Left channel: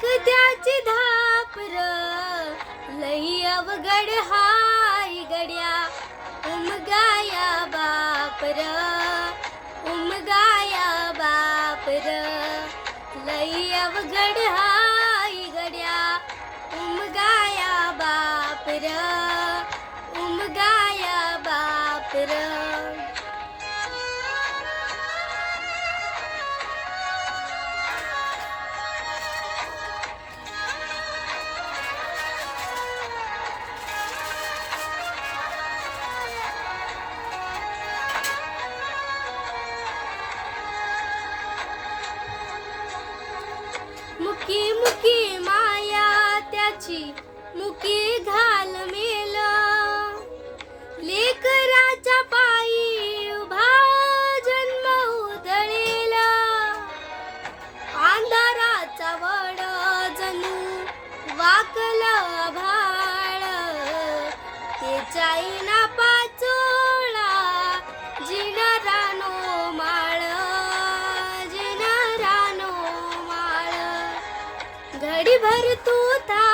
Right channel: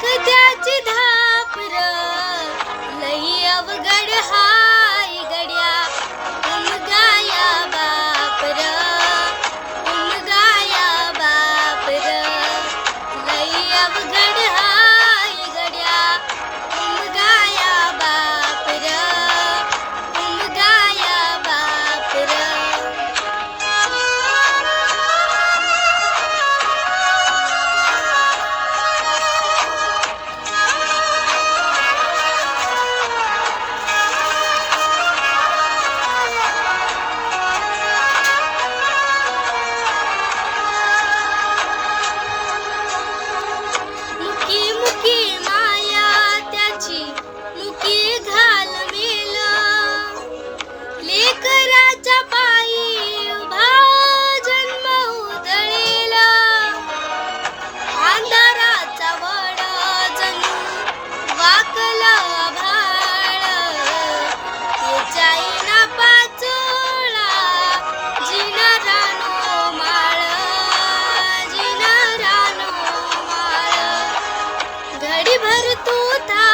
त्याची धापर लई अवघड हाय गड्या उमगाया बापर उमगाया बापर लई अवघड हाय गड्या उमगाया बापर उमगाया बापर मुकी मुकी माया त्याची मुकी घाल मेल लेकराच्या पायी उभा जन्म उधळेल अंधाराचा वड जणू वाकल आभाळ त्याच्या येना पाचोळा जिना रानो माळ जिना रानो माळ घडीभर तू था